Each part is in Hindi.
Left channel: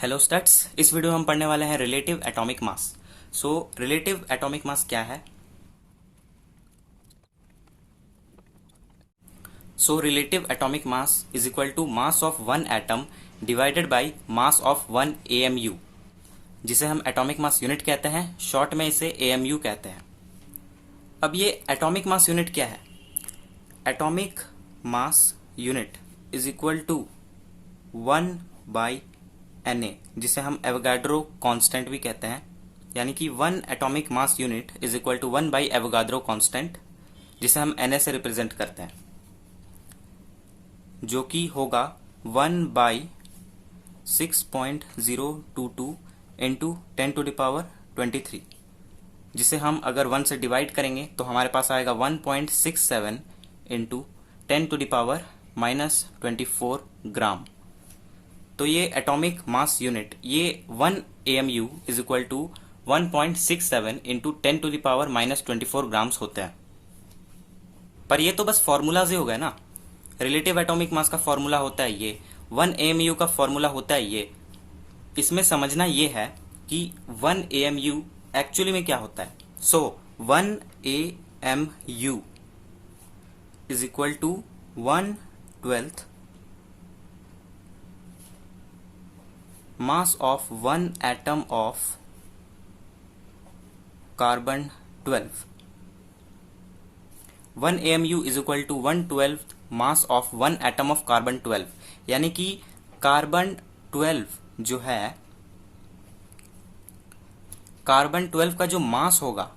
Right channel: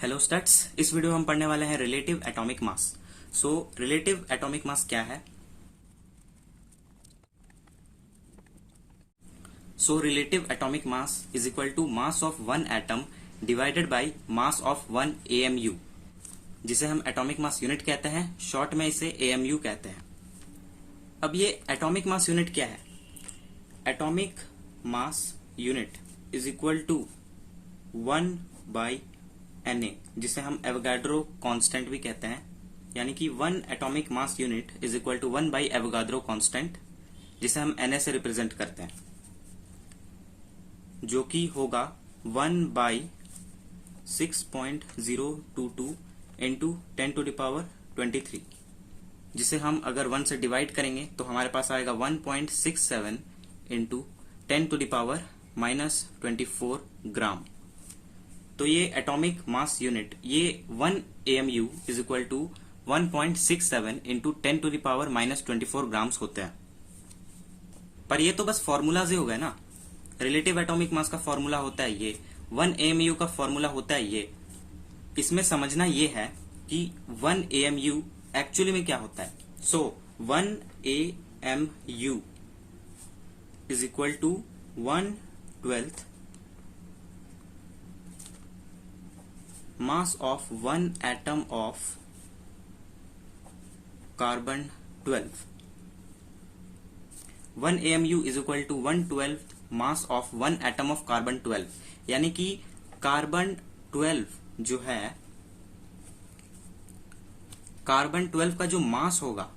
हेलो स्टूडेंट्स, इस वीडियो में हम पढ़ने वाले हैं relative atomic mass. Relative atomic mass क्या है? Relative atomic mass is equal to mass of one atom divided by mass of one AMU, जिसे हम एटॉमिक मास यूनिट कहते हैं। शॉर्ट में इसे एएमयू कहते हैं। अब ये एटॉमिक मास यूनिट क्या है? Atomic mass unit is equal to 1/Na, जिसे हम एवोगाड्रो कांस्टेंट भी कहते हैं। यानी कि one atomic mass unit is equal to 1/एवोगाड्रो कांस्टेंट, जिसे हम Na से रिप्रेजेंट करते हैं, जो कि होगा 1/6.022 इंटू 10⁻23, जिसे हम अगर 1 से डिवाइड करेंगे तो हमारे पास आएगा 1.67 इंटू 10⁻24 ग्राम। तो ये एटॉमिक मास यूनिट, ये 1 AMU is equal to 1.67 into 10⁻24 grams होते हैं। पर ये तो बस फॉर्मूलाज ही हो गए ना। रिलेटिव एटॉमिक मास का फॉर्मूला होता है ये, 1 AMU का फॉर्मूला होता है ये। इसमें समझना ये है कि 1 AMU एक्चुअली में क्या होता है। 1 AMU is equal to 1/12 mass of one atom of carbon 12. 1 AMU is equal to 1/12 mass of one atom of carbon 12। यानी कि कार्बन 12 जो है, कार्बन 12 का जो मास होगा,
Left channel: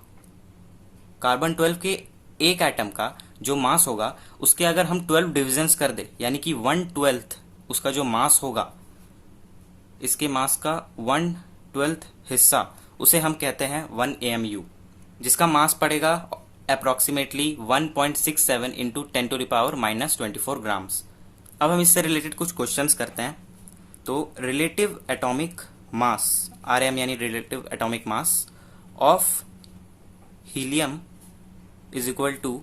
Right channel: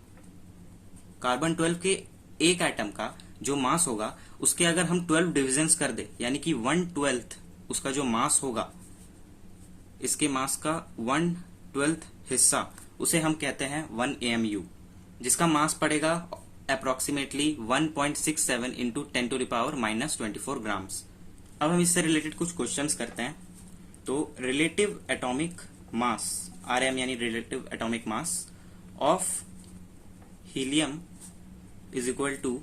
कार्बन 12 के एक एटम का जो मास होगा, उसके अगर हम 12 डिविजन्स कर दे, यानी कि 1/12 उसका जो मास होगा, इसके मास का 1/12 हिस्सा, उसे हम कहते हैं 1 AMU, जिसका मास पड़ेगा अप्रोक्सीमेटली 1.67 इंटू 10⁻24 ग्राम्स। अब हम इससे रिलेटेड कुछ क्वेश्चंस करते हैं। तो रिलेटिव एटॉमिक मास RM यानी relative atomic mass of helium is equal to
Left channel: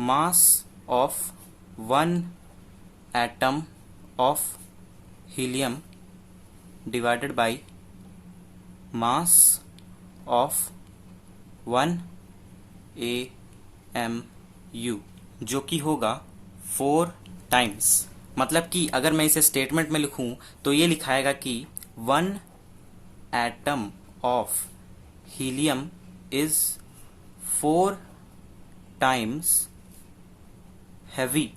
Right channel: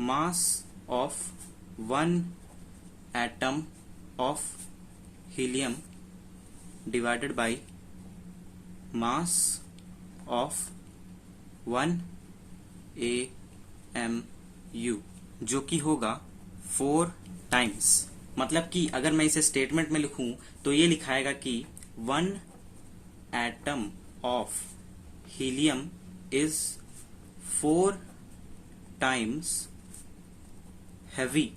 mass of one atom of helium divided by mass of 1 AMU, जो कि होगा 4 टाइम्स। मतलब कि अगर मैं इसे स्टेटमेंट में लिखूं तो ये लिखाएगा कि 1 atom of helium is 4 times heavy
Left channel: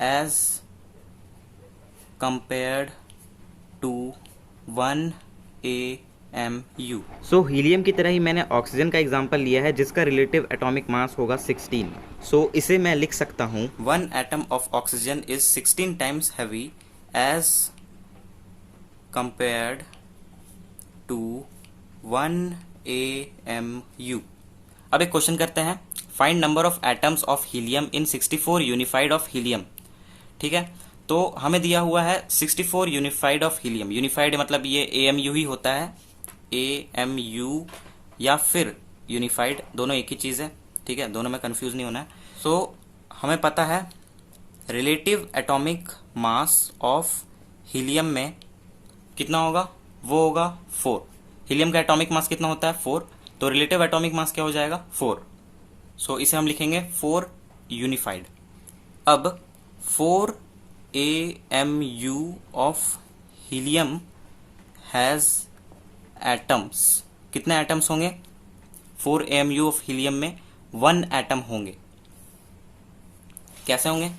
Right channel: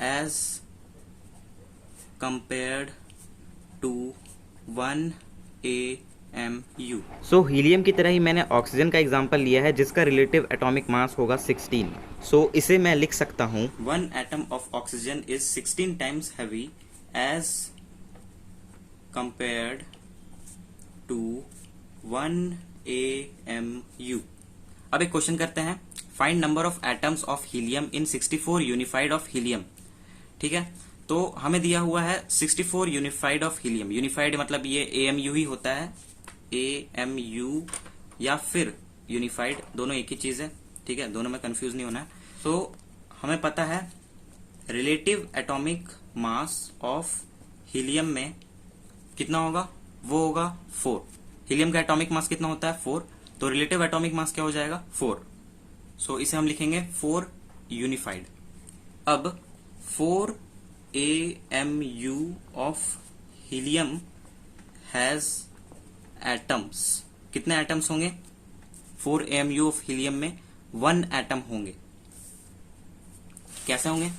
as compared to 1 AMU। Helium की तरह ही मैंने ऑक्सीजन का एग्जांपल लिया है, जिसका रिलेटिव एटॉमिक मास होगा 16। इसे मैं लिख सकता हूं 1 atom of oxygen is 16 times heavy as compared to 1 AMU। अब एक क्वेश्चन करते हैं, find number of atoms of helium in 64 unified of helium. ठीक है, तो हमें दिया हुआ है 64 यूनिफाइड ऑफ हीलियम। यूनिफाइड मतलब ये AMU ही होता है, AMU या फिर यूनिफाइड, दोनों एक ही चीज है। ठीक है, दोनों में कंफ्यूज नहीं होना है। हमें पता है relative atomic mass of helium में कितना होगा, वो होगा 4। हीलियम का एटॉमिक मास कितना होता है, 4। तो रिलेटिव एटॉमिक मास क्या हो जाएगा, 4। इसे हम लिखेंगे 4 यूनिफाइड। अब 4 AMU of helium has atoms। कितने एटम्स होंगे? 4 AMU of helium में 1 एटम होंगे। कैसे होंगे?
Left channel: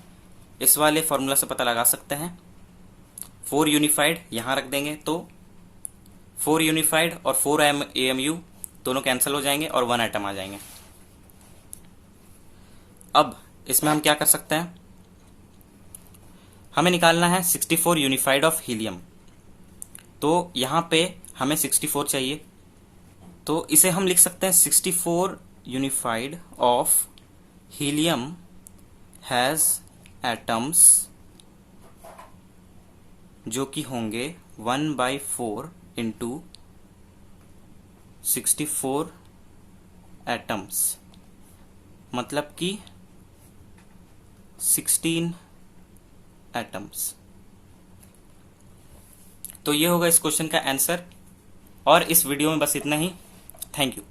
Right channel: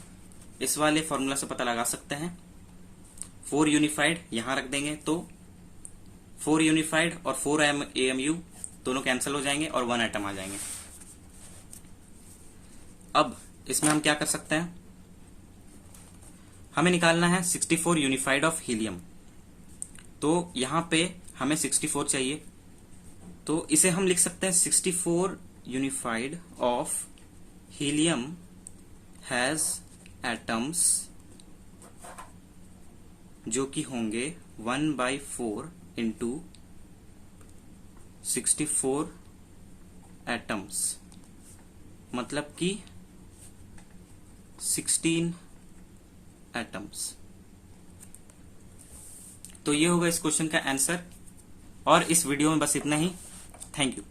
इस वाले फॉर्मूला से पता लगा सकते हैं। 4 यूनिफाइड यहां रख देंगे तो 4 यूनिफाइड और 4 AMU दोनों कैंसिल हो जाएंगे और 1 एटम आ जाएंगे। अब इसमें हम क्या कर सकते हैं, हमें निकालना है 64 यूनिफाइड ऑफ हीलियम। तो यहां पे हमें 64 चाहिए, तो इसे हम लिख सकते हैं 64 unified of helium has atoms, जो कि होंगे 1/4 इंटू 64 एटम्स, मतलब कि 16 एटम्स। तो ये होगा इस क्वेश्चन का आंसर। और इस वीडियो में बस इतना ही। Thank you.